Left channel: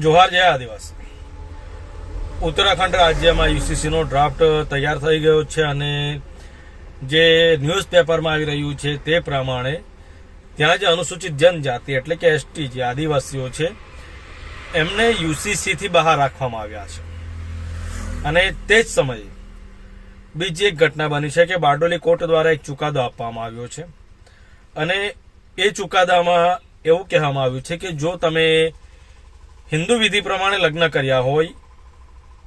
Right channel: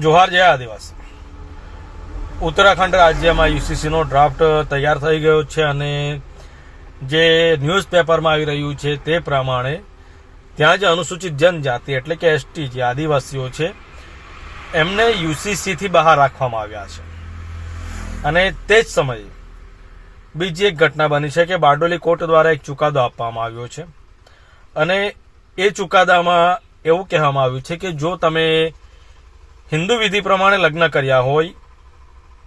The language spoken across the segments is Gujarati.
જોહાર જયા આદિવાસી. ઉત્તરાખંડ રાજ્યમાં યુસીસીનો ડ્રાફ્ટ તૈયાર થઈ ગયો છે અને જે ન્યૂઝપેપરમાં આવી રહ્યું છે તે પ્રમાણે ત્યાં જે અનુસૂચિત જનજાતિ એટલે કે એસટી જે આદિવાસીઓ છે, એમને યુસીસીથી બહાર રાખવામાં આવ્યા છે. અને તે જ સમયે બીજી એક ઘટના બની છે કે બારડોલી કોર્ટ દ્વારા એક ચુકાદો આપવામાં આવ્યો છે. અને એ ચુકાદામાં એવું કહેવામાં આવ્યું છે કે જો તમે હિન્દુ વિધિ પ્રમાણે લગ્ન કર્યા હોય,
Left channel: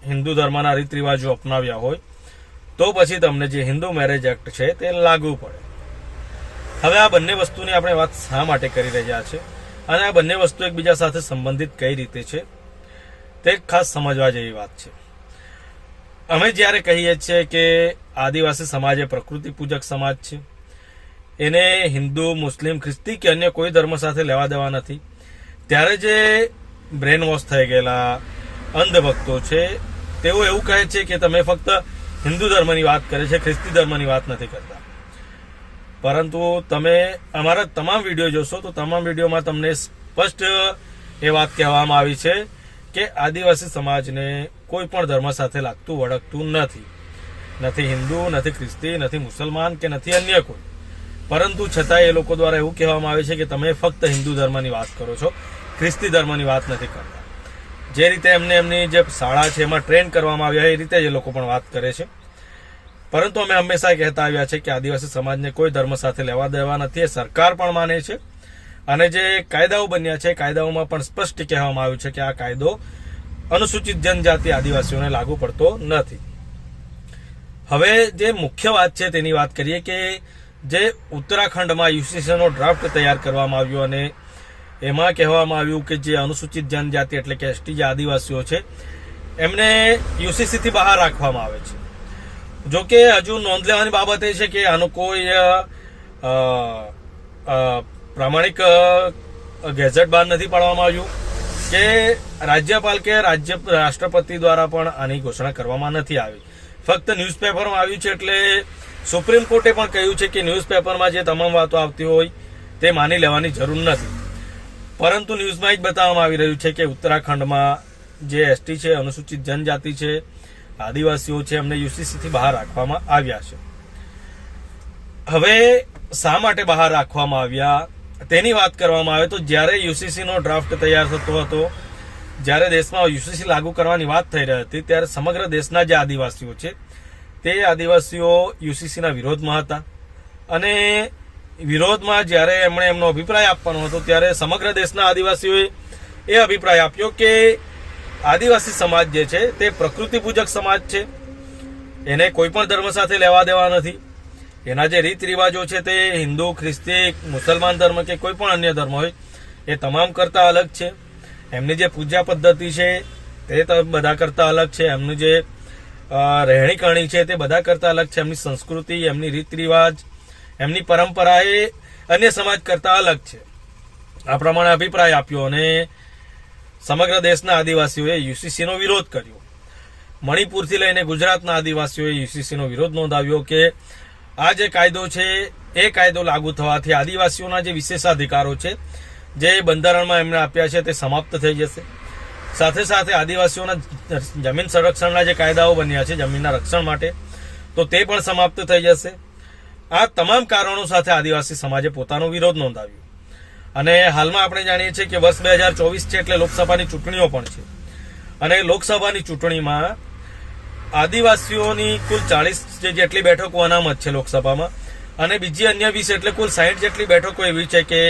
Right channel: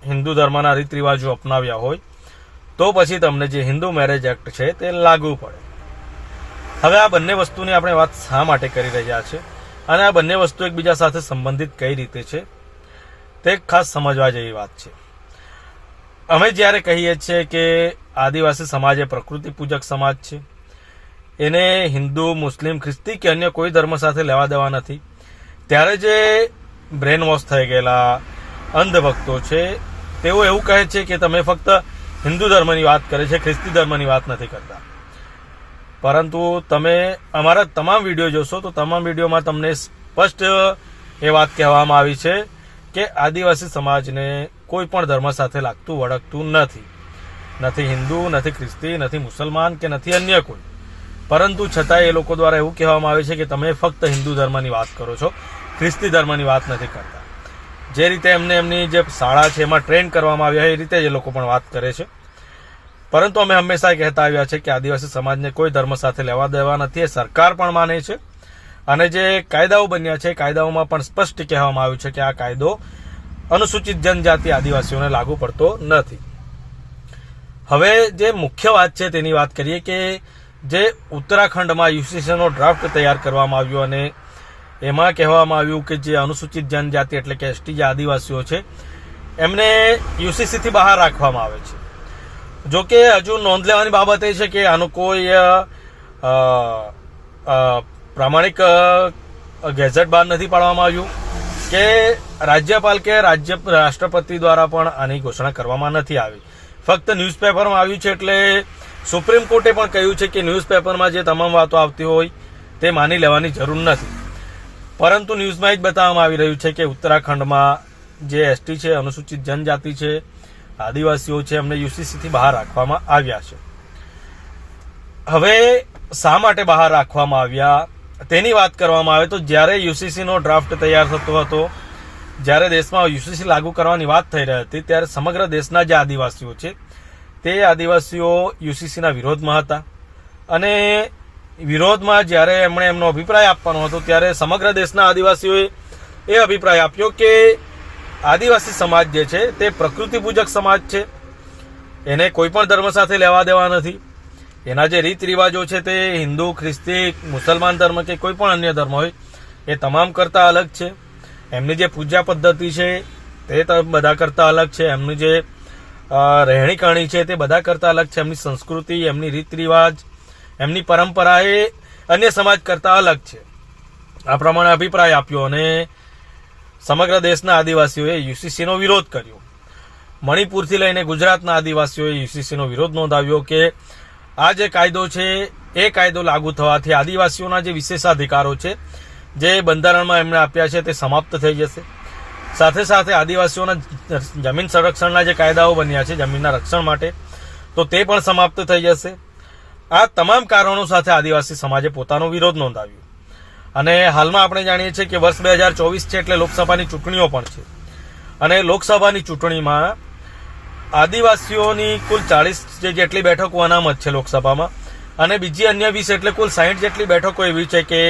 હિન્દુ ધર્મના રીત રિવાજો અપનાવ્યા હોય, તો પછી તમને જે હિન્દુ મેરેજ એક્ટ છે તે લાગુ પડે. હવે આ બંને વસ્તુની આપણે વાત શા માટે કરી રહ્યા છે? અને આ બંને વસ્તુ એકબીજા સાથે સંબંધિત કઈ રીતે છે? તે ખાસ સમજવા જેવી વાત છે. અમે જ્યારે કહીએ છીએ કે આદિવાસી સમાજ એ પ્રકૃતિ પૂજક સમાજ છે. એને હિન્દુ, મુસ્લિમ, ખ્રિસ્તી કે અન્ય કોઈ ધર્મ સાથે લેવા દેવા નથી. ત્યારે જે બ્રેન વોશ થઈ ગયેલા અંધભક્તો છે, તેઓ એવું કહે છે કે તમે ફક્ત હિન્દુ ધર્મની વાત કરે છે, ખ્રિસ્તી ધર્મની વાત નથી કરતા. પરંતુ તમે અમારા તમામ વીડિયો જોશો તો તમામ વિડીયોમાં તમને સ્પષ્ટ એ વાત કહેવામાં આવી છે કે આદિવાસી સમાજને કોઈ પણ ધર્મ સાથે લાગતું વળગતું નથી. નથી હિન્દુ, નથી ખ્રિસ્તી, નથી મુસલમાન કે નથી અન્ય કોઈ. પરંતુ છતાં એ લોકો દ્વારા એવું કહેવામાં આવે છે કે તમે ફક્ત હિન્દુ ધર્મની વાત કરો છો. ખ્રિસ્તી ધર્મની વાત નથી કરતા. જે રીતે એમને એમની જે શાળા છે એમાં ટ્રેન કરવામાં આવ્યા એ રીતે એ લોકો પણ વાત કરે છે. પરંતુ અમે હંમેશા કહેતા આવ્યા છે કે આદિવાસી સમાજને કોઈ ધર્મ સાથે લેવા દેવા નથી, એ સરકાર પણ માને છે. અને જે કાયદાઓ બન્યા છે, કાયદાઓમાં પણ સ્પષ્ટ કહેવામાં આવ્યું છે કે આ કાયદો અનુસૂચિત જનજાતિ આદિવાસીઓને લાગુ પડતો નથી. હવે જે મુખ્ય વાત છે તેની વાત કરીએ કે જે ઉત્તરાખંડમાં યુસીસીનો ડ્રાફ્ટ તૈયાર કરવામાં આવ્યો અને એમાં કહેવામાં આવ્યું કે જે અનુસૂચિત જનજાતિ એટલે કે એસટી જે આદિવાસીઓ છે, એમને યુસીસીથી બહાર રાખવામાં આવે છે. જો કે હજુ નોંધ લેવાની બાબત એ છે કે આનું કોઈ પ્રામાણિક ગેઝેટ બહાર નથી પાડવામાં આવ્યું કે રાજ્યપાલ કે રાજ્ય, રાષ્ટ્રપતિ દ્વારા પણ આની ઘોષણા કરવામાં નથી આવી. ફક્ત ન્યૂઝપેપરમાં આવ્યું છે એટલે સુપ્રીમ કોર્ટે પણ કહ્યું છે કે ન્યૂઝપેપરમાં જે તમામ વાતો આવતી હોય તે માની લેવાની જરૂર નથી. પરંતુ ન્યૂઝમાં જ બતાવવામાં આવી રહ્યું છે કે ઉત્તરાખંડમાં જે એસટી છે, અનુસૂચિત જનજાતિ છે, આદિવાસીઓ છે, એમને યુસીસીથી બહાર રાખવામાં આવ્યા છે. હવે શા માટે બહાર રાખવામાં આવ્યા? તેની વાત કરવામાં આવે તો જ્યારે યુસીસીનો ડ્રાફ્ટ તૈયાર થતો હતો, જ્યારે દેશમાં યુસીસી લાગુ કરવાની વાત થઈ રહી હતી, ત્યારે સમગ્ર દેશના જે આદિવાસીઓ છે, તે આદિવાસીઓ યુસીસીના વિરોધમાં હતા. અને વિરોધમાં જ્યારે એમણે એમનો અભિપ્રાય આપવાનો હતો, ત્યારે સમગ્ર દેશના આદિવાસીઓએ એ અભિપ્રાય આપ્યો કે આદિવાસી સમાજ જે છે, તે પ્રકૃતિ પૂજક સમાજ છે. એને કોઈ પણ ધર્મ સાથે લેવા દેવા નથી. એના જે રીત રિવાજો છે, તે હિન્દુ, ખ્રિસ્તી, મુસલમાન ધર્મ કે કોઈ પણ અન્ય ધર્મ હોય, એ તમામ કરતા અલગ છે. એમની જે પૂજા પદ્ધતિ છે, તે બધા કરતા અલગ છે. એમનું જે રહેણી કરણી છે, તે બધા કરતા અલગ છે. એમની સંસ્કૃતિ, એમની રીત રિવાજ એમની પરંપરા એ અન્ય સમાજ કરતા અલગ છે. આ પ્રમાણે અભિપ્રાય આપ્યો અને સમગ્ર દેશના આદિવાસીઓએ યુસીસીનો વિરોધ કર્યો. મણિપુરથી લઈને ગુજરાતના આદિવાસીઓએ યુસીસીનો વિરોધ નોંધાવ્યો કે આ જે કાયદો છે, એ કાયદો લાગુ થવાથી આદિવાસીઓના જે વિશેષાધિકારો છે, જે બંધારણમાં એમણે આપ્યા છે, તે સમાપ્ત થઈ જશે. સાથે સાથે આદિવાસીઓના જમીન સંરક્ષણના જે કાયદાઓ બન્યા છે, જમીનના રક્ષણ માટે, તો તે પણ સમાપ્ત થઈ જશે. આ તમામ કારણો સાથે આદિવાસી સમાજે પોતાનો વિરોધ નોંધાવ્યો. અને હાલમાં આપણે જાણીએ છીએ કે વર્ષ બે હજાર ચોવીસ છે એટલે લોકસભાની ચૂંટણીઓ પણ છે. અને લોકસભાની ચૂંટણીમાં આદિવાસીઓની કુલ ચાળીસ જેટલી બેઠકો અનામત છે લોકસભામાં, અને બીજી અન્ય વીસ એટલે કુલ સાહીઠ જેટલી બેઠકો એવી છે કે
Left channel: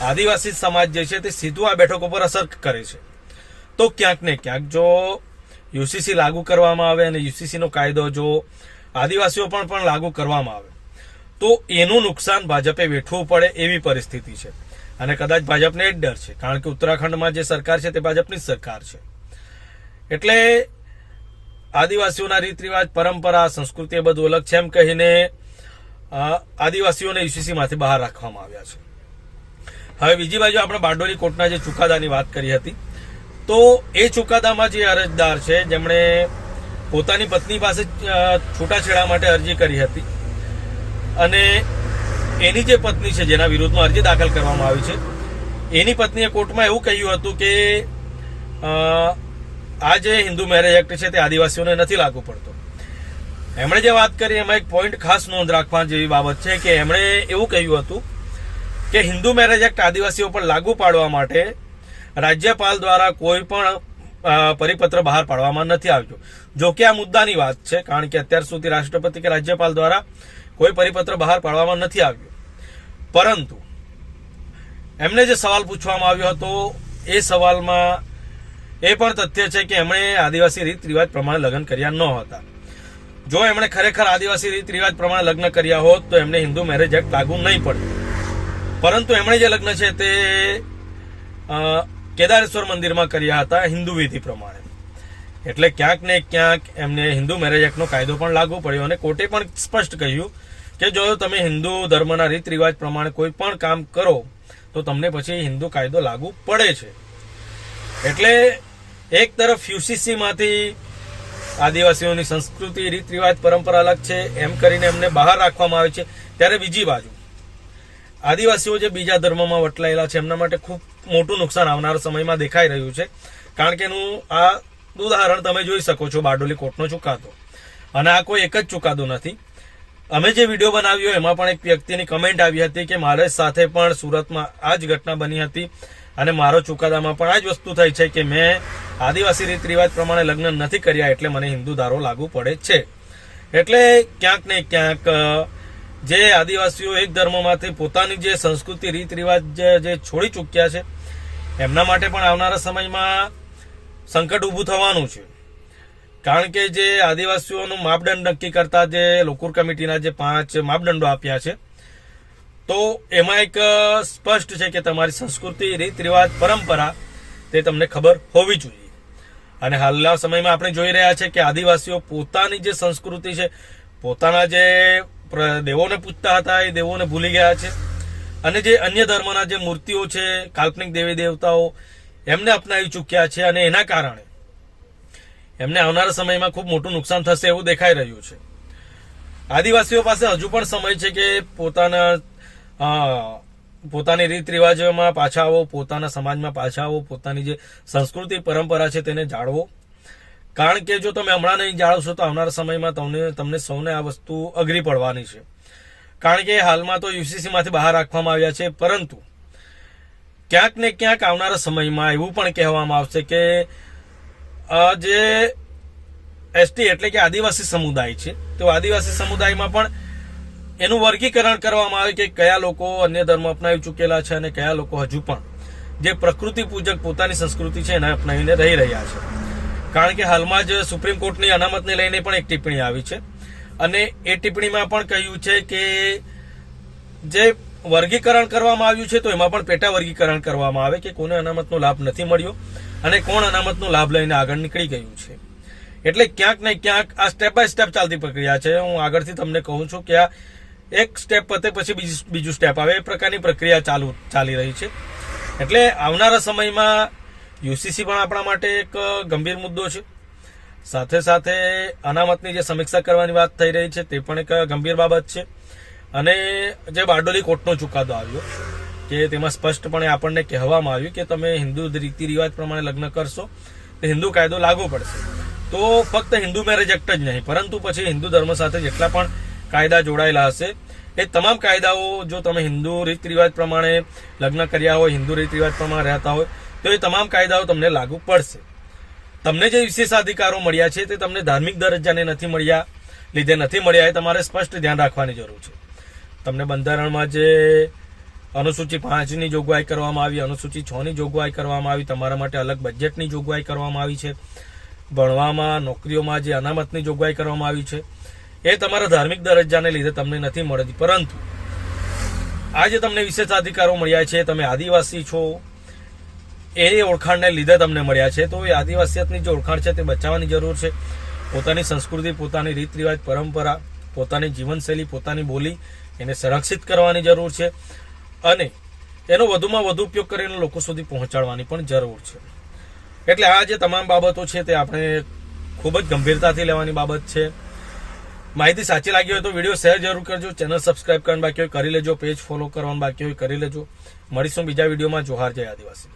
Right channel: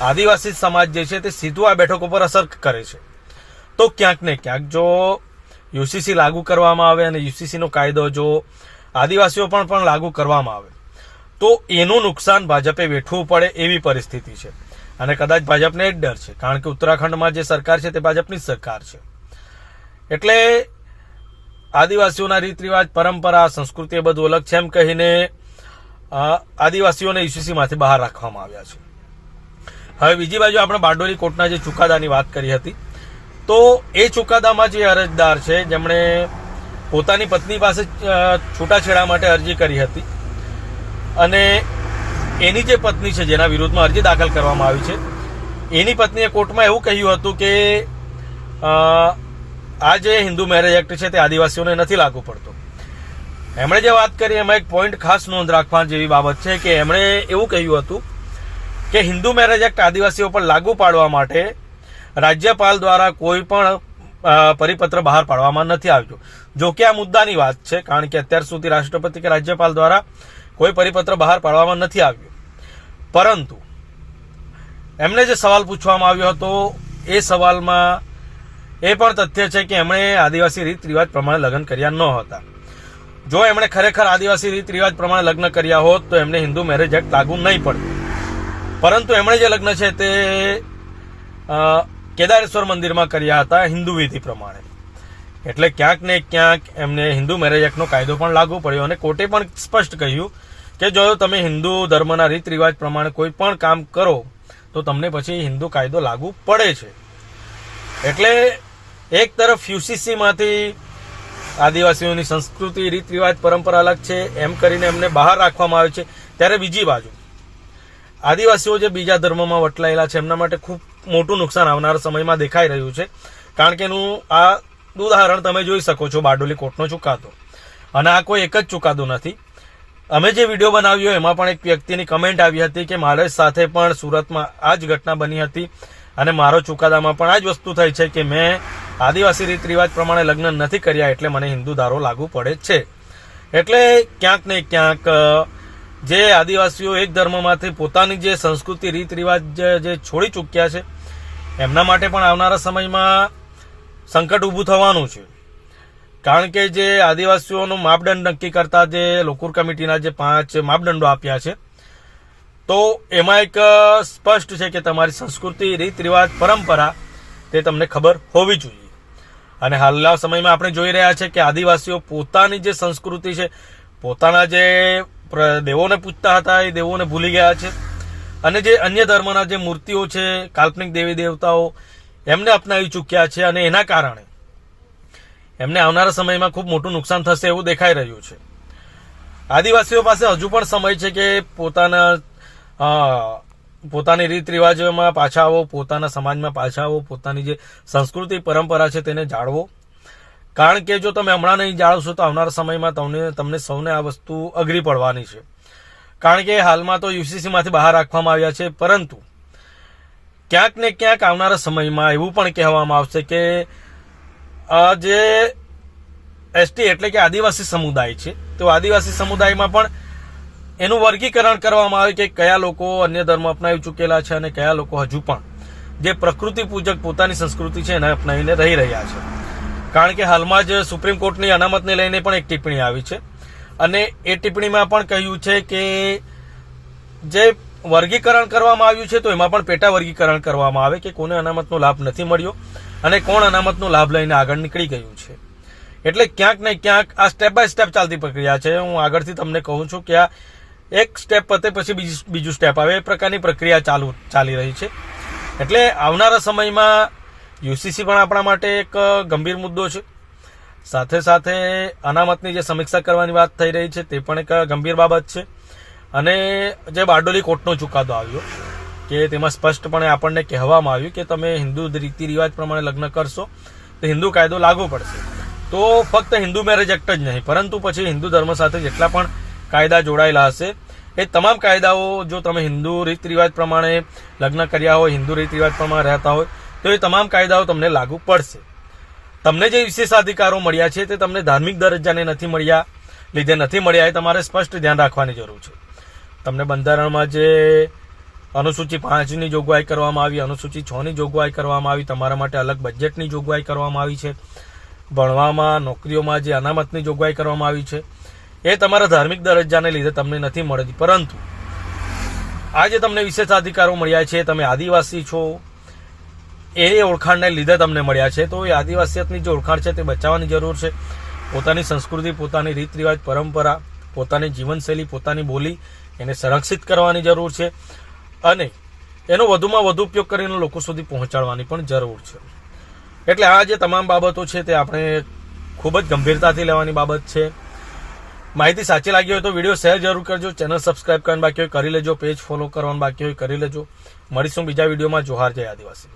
આદિવાસી સમાજ જે છે તે સીધું આ બેઠકો પર અસર કરે છે. તો ક્યાંક ને ક્યાંક જો યુસીસી લાગુ કરવામાં આવે અને યુસીસીનો કાયદો જો આદિવાસીઓ પણ પણ લાગુ કરવામાં આવે તો એનું નુકસાન ભાજપે વેઠવું પડે એવી પરિસ્થિતિ છે. અને કદાચ ભાજપને એ જ ડર છે, કારણ કે ઉત્તરાખંડમાં જે સરકાર છે તે ભાજપની સરકાર છે. એટલે આદિવાસીઓના રીત રિવાજ પરંપરા, સંસ્કૃતિ એ બધું અલગ છે એમ કહીને આદિવાસીઓને યુસીસીમાંથી બહાર રાખવામાં આવ્યા છે. હવે બીજી બાજુ આપણે બારડોલી કોર્ટના જે ચુકાદાની વાત કરી હતી, તો એ ચુકાદામાં જે અરજદાર છે, જેમણે પોતાની પત્ની પાસે છૂટાછેડા માટે અરજી કરી હતી અને એની જે પત્ની છે, જેના વિરુદ્ધમાં અરજી દાખલ કરવામાં આવી છે, એની પત્નીએ કોર્ટમાં એવું કહ્યું હતું કે આ જે હિન્દુ મેરેજ એક્ટ છે, તે આદિવાસીઓને નથી લાગુ પડતો. એમણે જે વાત કરી, એમાં એક પોઈન્ટ ખાસ નોંધ રાખવા જેવી બાબત છે કે, એમણે એવું કહ્યું હતું કે, હિન્દુ મેરેજ એક્ટ આદિવાસીઓ પર લાગુ પાડવા માટે રાજ્યપાલ દ્વારા કોઈ પણ પરિપત્ર બહાર પાડવામાં નથી આવ્યો. જો કે આ મુદ્દાની વાત છે, કારણ કે અત્યાર સુધી રાષ્ટ્રપતિ કે રાજ્યપાલ દ્વારા કોઈ પરિપત્ર બહાર પાડવામાં નથી આવ્યો. પરંતુ એમને જે સવાલ પૂછવામાં આવ્યો હતો, એ સવાલમાં એ પણ તથ્ય છે કે એમણે આદિવાસી રીત રિવાજ પ્રમાણે લગ્ન કર્યા ન હતા. જો એમણે ખરેખર આદિવાસી રીત રિવાજ પ્રમાણે લગ્ન કર્યા હોત, તો એમને હિન્દુ મેરેજ એક્ટ લાગુ નહીં પડે પરંતુ એમણે જે લગ્ન છે તે કેદારેશ્વર મંદિરમાં કર્યા હતા હિન્દુ વિધિ પ્રમાણે. એટલે ક્યાંક ને ક્યાંક એમને હિન્દુ મેરેજ એક્ટનો કાયદો પણ લાગુ પડ્યો અને કોર્ટે પણ સ્પષ્ટ કહ્યું કે જો તમે હિન્દુ ધર્મના રીત રિવાજ પ્રમાણે કોઈ પણ કામ કરો, તો તમને પછી હિન્દુ કાયદો લાગુ પડે છે. એટલે એક તરફ યુસીસીમાંથી આદિવાસીઓની સંસ્કૃતિ, રીત રિવાજ, પરંપરા અલગ છે, એમ કરીને એમને બહાર રાખવામાં આવે છે. ત્યારે બીજી બાજુ, આદિવાસીઓ જે બીજા ધર્મમાં વટલાયેલા છે, એમના માટે ખૂબ મોટું નુકસાન આવનારા સમયમાં દેખાઈ રહ્યું છે. કારણ કે એનું આ ઉદાહરણ તમે જોઈ શકો છો, બારડોલી કોર્ટનો ચુકાદો. અને આ કોઈ એક જ ચુકાદો નથી. અમે જે વીડિયો બનાવ્યો એમાં પણ એક વ્યક્તિની કમેન્ટ આવી હતી કે મારે સાથે પણ સુરતમાં આ જ ઘટના બની હતી અને મારો ચુકાદામાં પણ આ જ વસ્તુ થઈ છે કે મેં આદિવાસી રીત રિવાજ પ્રમાણે લગ્ન નથી કર્યા એટલે મને હિન્દુ ધારો લાગુ પડે છે. એટલે ક્યાંક ને ક્યાંક જે આદિવાસીઓ એક ધર્મમાંથી પોતાની જે સંસ્કૃતિ રીત રિવાજ જે છોડી ચૂક્યા છે, એમના માટે પણ આવનારા સમયમાં સંકટ ઊભું થવાનું છે. કારણ કે જે આદિવાસીઓનું માપદંડ નક્કી કરતા જે લોકુર કમિટીના જે પાંચ માપદંડો આપ્યા છે, તો એમાં એક સ્પષ્ટ છે કે તમારી સંસ્કૃતિ રીત રિવાજ પરંપરા તે તમને ખબર હોવી જોઈએ. અને હાલના સમયમાં આપણે જોઈ રહ્યા છે કે આદિવાસીઓ પોતાની જે સંસ્કૃતિ છે, પોતાના જે દેવોને પૂજતા હતા એ દેવોને ભૂલી ગયા છે. અને જે અન્ય ધર્મના જે મૂર્તિઓ છે, કાલ્પનિક દેવી દેવતાઓ, એમને અપનાવી ચૂક્યા છે અને એના કારણે એમને આવનારા સમયમાં ખૂબ મોટું નુકસાન થશે એવું દેખાઈ રહ્યું છે. આદિવાસીઓ પાસે હજુ પણ સમય છે કે પોતાના પોતાની રીત રિવાજોમાં પાછા આવો, પોતાના સમાજમાં પાછા આવો, પોતાની જે સંસ્કૃતિ, પરંપરા છે તેને જાળવો. કારણ કે જો તમે હમણાં નહીં જાળવશો તો આવનારા સમયમાં તમને તમને સૌને આ વસ્તુ અઘરી પડવાની છે. કારણ કે હાલમાં તો યુસીસીમાંથી બહાર રાખવામાં આવ્યા છે, પરંતુ ક્યાંક ને ક્યાંક આવનારા સમયમાં એવું પણ કહેવામાં આવશે કે જે એસટી એટલે કે આદિવાસી સમુદાય છે. તો આદિવાસી સમુદાયમાં પણ એનું વર્ગીકરણ કરવામાં આવે કે કયા લોકો અન્ય ધર્મ અપનાવી ચૂકેલા છે અને કયા લોકો હજુ પણ. જે પ્રકૃતિ પૂજક પોતાની સંસ્કૃતિ છે એને અપનાવીને રહી રહ્યા છે. કારણ કે હાલમાં જ સુપ્રીમ કોર્ટની અનામતને લઈને પણ એક ટિપ્પણી આવી છે. અને એ ટિપ્પણીમાં પણ કહ્યું છે કે જે વર્ગીકરણ કરવામાં આવ્યું છે તો એમાં પણ પેટા વર્ગીકરણ કરવામાં આવે કે કોને અનામતનો લાભ નથી મળ્યો. અને કોણ અનામતનો લાભ લઈને આગળ નીકળી ગયું છે. એટલે ક્યાંક ને ક્યાંક આ સ્ટેપ બાય સ્ટેપ ચાલતી પ્રક્રિયા છે. હું આગળથી તમને કહું છું કે આ એક સ્ટેપ પતે પછી બીજું બીજું સ્ટેપ આવે. એ પ્રકારની પ્રક્રિયા ચાલુ, ચાલી રહી છે. એટલે આવનારા સમયમાં યુસીસી પણ આપણા માટે એક ગંભીર મુદ્દો છે. સાથે સાથે અનામતની જે સમીક્ષા કરવાની વાત થઈ રહી છે તે પણ એક ગંભીર બાબત છે. અને જે બારડોલી કોર્ટનો ચુકાદો આવ્યો કે તેમાં સ્પષ્ટપણે આપણને કહેવામાં આવ્યું કે તમે હિન્દુ રીતિ રિવાજ પ્રમાણે લગ્ન કરશો, તો હિન્દુ કાયદો લાગુ પડશે. તો ફક્ત હિન્દુ મેરેજ એક્ટ જ નહીં, પરંતુ પછી હિન્દુ ધર્મ સાથે જેટલા પણ કાયદા જોડાયેલા હશે, એ તમામ કાયદાઓ જો તમે હિન્દુ રીત રિવાજ પ્રમાણે લગ્ન કર્યા હોય, હિન્દુ રીત રિવાજ પ્રમાણે રહેતા હોય, તો એ તમામ કાયદાઓ તમને લાગુ પડશે. તમને જે વિશેષ અધિકારો મળ્યા છે તે તમને ધાર્મિક દરજ્જાને નથી મળ્યા, લીધે નથી મળ્યા, એ તમારે સ્પષ્ટ ધ્યાન રાખવાની જરૂર છે. તમને બંધારણમાં જે અનુસૂચિ પાંચની જોગવાઈ કરવામાં આવી અનુસૂચિ છની જોગવાઈ કરવામાં આવી. તમારા માટે અલગ બજેટની જોગવાઈ કરવામાં આવી છે. ભણવામાં, નોકરીઓમાં જે અનામતની જોગવાઈ કરવામાં આવી છે, એ તમારા ધાર્મિક દરજ્જાને લીધે તમને નથી મળતી. પરંતુ, આજે તમને વિશેષ અધિકારો મળ્યા છે, તમે આદિવાસી છો, એ ઓળખાણને લીધે તમને મળ્યા છે. તો એ આદિવાસીયતની જે ઓળખાણ છે, તે બચાવવાની જરૂર છે. પોતાની સંસ્કૃતિ, પોતાની રીત રિવાજ પરંપરા, પોતાની જીવનશૈલી, પોતાની બોલી એને સંરક્ષિત કરવાની જરૂર છે. અને એનો વધુમાં વધુ ઉપયોગ કરીને લોકો સુધી પહોંચાડવાની પણ જરૂર છે. એટલે આ જે તમામ બાબતો છે તે આપણે ખૂબ જ ગંભીરતાથી લેવાની બાબત છે. માહિતી સાચી લાગી હોય તો વીડિયો શેર જરૂર કરજો, ચેનલ સબસ્ક્રાઇબ કરવાનું બાકી હોય, કરી લેજો, પેજ ફોલો કરવાનું બાકી હોય, કરી લેજો. મળીશું બીજા વિડીયોમાં. જોહાર જય આદિવાસી.